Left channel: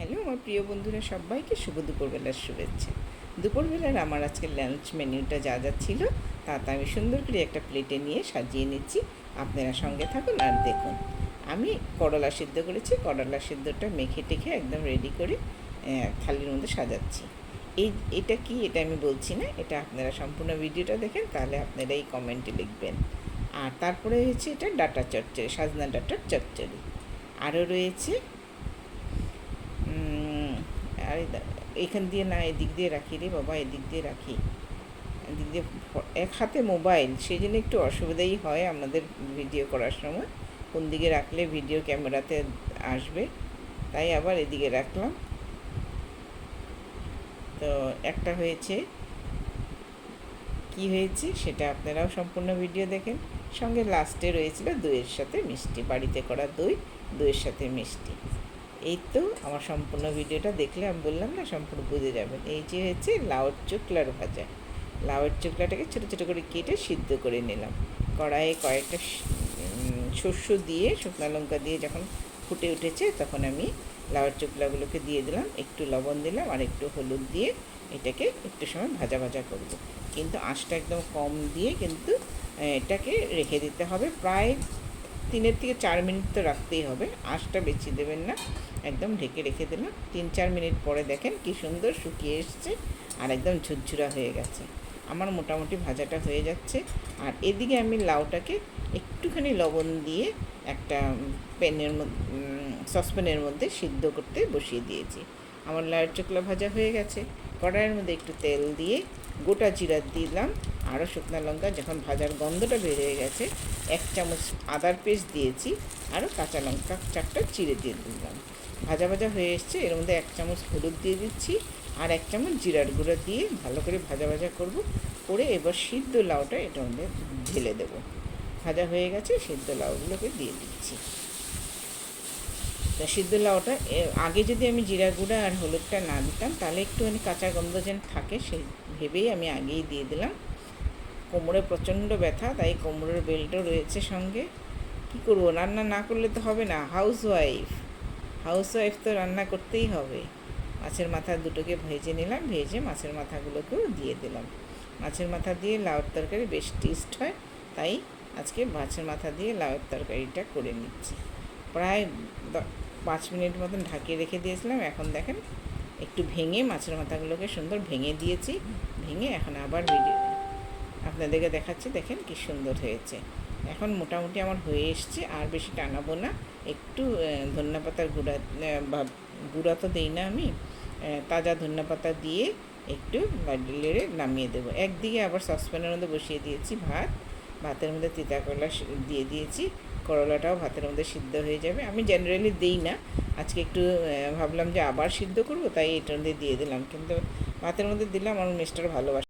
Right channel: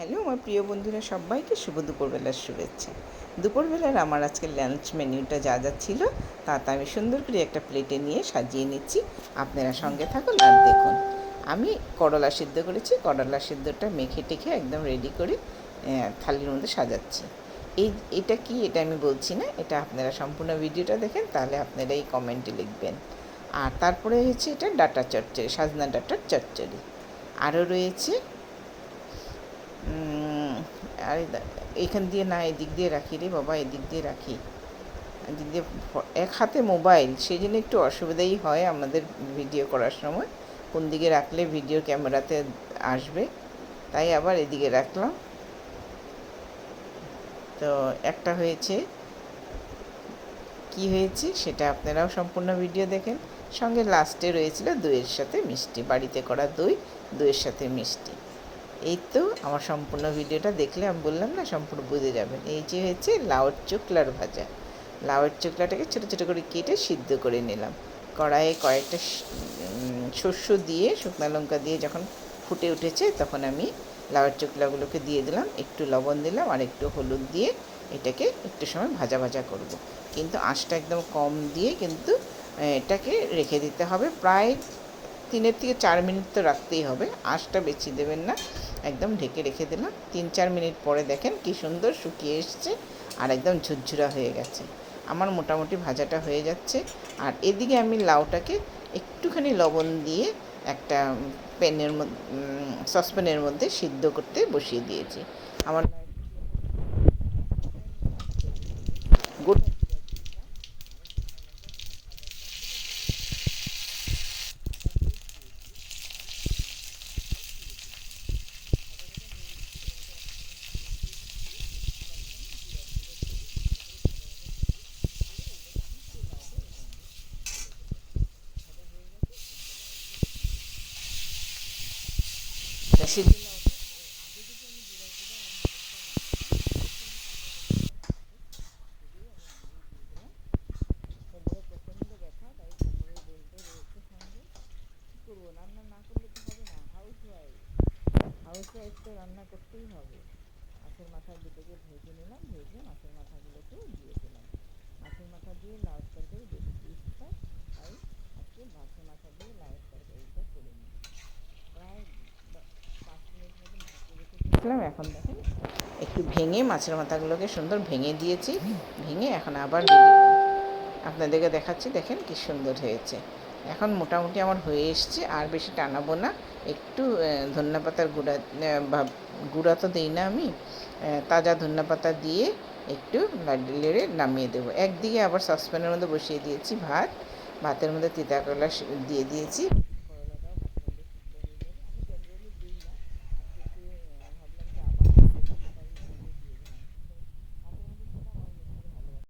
Hello আমার প্রিয় বন্ধুরা, সবাইকে শুভ দুপুরবেলার শুভেচ্ছা। দুপুরবেলার আমার আজকে লাঞ্চ মেনুটা যা যা ছিল তা আমি সুন্দর করে একটা প্লেটে নিয়ে সাজিয়ে নিচ্ছি। আপনারা সঙ্গে থাকুন আর দেখুন। আমি করলা সিদ্ধ করেছি, করলা সিদ্ধটা মেখে টেখে একদম রেডি করে থালির মধ্যে সাজাচ্ছি। এটা কি, এটা আমি বলছি না, এটা আপনারা সম্পূর্ণ ভিডিওটা দেখেন, তাহলে আপনারা এই কমেন্টে লিখবেন। আর তারপরে হচ্ছে এটা ডাটা চচ্চড়ি, সাজনা ডাটার চচ্চড়ি। আরও রয়েছে আর এইখান দিয়ে না, এদিক দিয়ে রাখি রে বাবা, এদিক দিয়ে রাখি, এদিক দিয়ে এক হাতে মোবাইল, সেই জন্য একটু অসুবিধাই হয় আমাদের ভিডিও করার সময়, কোন দিকে রাখলে ভিডিও ক্যামেরাতে আসবে, তাই আবার এদিকে রাখলাম। তো একটা হয়েছে, কি হয়েছে সেটা আপনারাও সম্পূর্ণ ভিডিও দেখেন। সঙ্গে লাস্টে রয়েছিল দইয়ের সাথে মিষ্টি, বাড়িতে করা দই, দইয়ের সাথে মিষ্টি। এই তো আমার সম্পূর্ণ ভিডিওটা দেখলে আমি বললাম না, সম্পূর্ণ বুঝে যাবেন। এই যে হচ্ছে লাউয়ের চোকলার ভাজা। লাউয়ের চোকলাটাকে ছোটো ছোটো করে কেটে সিদ্ধ করে নিলাম। কড়াইয়ে কয়েকটা শস্য দিয়ে, শুকনো লঙ্কা দিয়ে যখন ফুটে উঠেছে তখন আমি লাউয়ের চোকলাগুলোকে দিয়ে দিলাম, একটু লবণ দিলাম আর একটু হলুদ দিয়ে এটাকে একটু সময় ভাজা ভাজা করব। কিন্তু আঁচটা একদম কম দিয়ে কিন্তু এটাকে রেখে দিতে হবে, প্রায় 3 থেকে 4 মিনিট তো রাখতেই হবে, আঁচটা বেশি দেবেন না। একদম ঢেকে রেখে দিলাম। 3-4 মিনিট পরে দেখেন কি সুন্দর শুকিয়ে এসছে আর একদম ঝুরঝুরা হয়ে গেছে। আমার মোটামুটি ভাজাটা হয়ে যাচ্ছে। আর এদিকে আমি লাউটাকে একটুখানি লবণ দিয়ে একটা সসপ্যানের মধ্যে সিদ্ধ করতে বসিয়ে দিয়েছি। আমার লাউয়ের চোকলা ভাজা হয়ে গেছে। কড়াইয়ের মধ্যে একটু তেল দিয়ে গোটা জিরা দিলাম, আরও শুকনো লঙ্কা, যখন ভাজার গন্ধটা বের হয়ে গেছে 1 চামচ আদার পেস্ট দিয়েছি, আরও কাঁচা লঙ্কা 4টা চিড়ে দিয়ে দিলাম। ভাজা ভাজা হয়ে এসছে, এর মধ্যে 1 চামচ হলুদ দিয়ে দিচ্ছি আর 1 চামচ জিরার গুঁড়ো দিয়ে ভালো করে ভাজা ভাজা করব। করে এবার সিদ্ধ লাউটা এটার মধ্যে ঢেলে দেবো। ভাজা হয়ে গেছে, সিদ্ধ লাউগুলোকে দিয়ে দিচ্ছি। তা সিদ্ধ লাউটা আগে যদি আমি জিরা গুঁড়া আর হলুদটা না দিতাম তাহলে একটুখানি কাঁচা গন্ধ যেন থাকে, সেই ভেবেই আমি আগেই দিয়ে দিলাম। কোমরে প্রচণ্ড ব্যথা, তাই কোমরের বেল্টও রয়েছে সঙ্গে। কী করবো, রান্না না করলে তো হবে না, হাউসওয়াইফ তো রান্না করতেই হবে। মাছের মাথা দুটোকে ভেজে নিলাম, ভেজে মাছের মাথাগুলোকেও দিয়ে দিলাম। মাছের মাথা দিয়ে লাউয়ের তরকারি বেশ টেস্ট হয়, তাই আজকে মাছের মাথা দিয়ে লাউয়ের তরকারিটা করে নিচ্ছি। প্রায় 5 মিনিট মতন ঢাকিয়ে রেখে দিয়েছিলাম। এখন দেখেন একটু ভেঙে মাছের মাথাগুলোকে সুন্দর ভেঙে দিয়েছি, ভেঙে এখন আবার আপনাদেরকে দেখাচ্ছি, দেখেন কি সুন্দর হয়েছে। এখন মোটামুটি আমার হয়ে এসছে, আর বেশি টানাবো না। একটু ধনিয়া পাতার গুঁড়া তো দিই না আমি, তাজা ধনিয়া পাতা দিয়ে একটু লেড়ে নামিয়ে দেবো। একদিকে আবার সসপ্যানের মধ্যে বসিয়ে দিয়েছি ভাতের মধ্যে তিতা করলা দিয়ে দিয়েছি, করলাটাও ভাতের মধ্যে সিদ্ধ হয়ে যাবে। আমি জেনারেলি দিই না, আজকে একটু ভাবলাম যে আবার সিদ্ধ করবো, তাই এটার মধ্যে দিয়ে দিলাম। কিন্তু ভাতের মধ্যে দিলাম, আমার মিস্টার ভালোবাসে।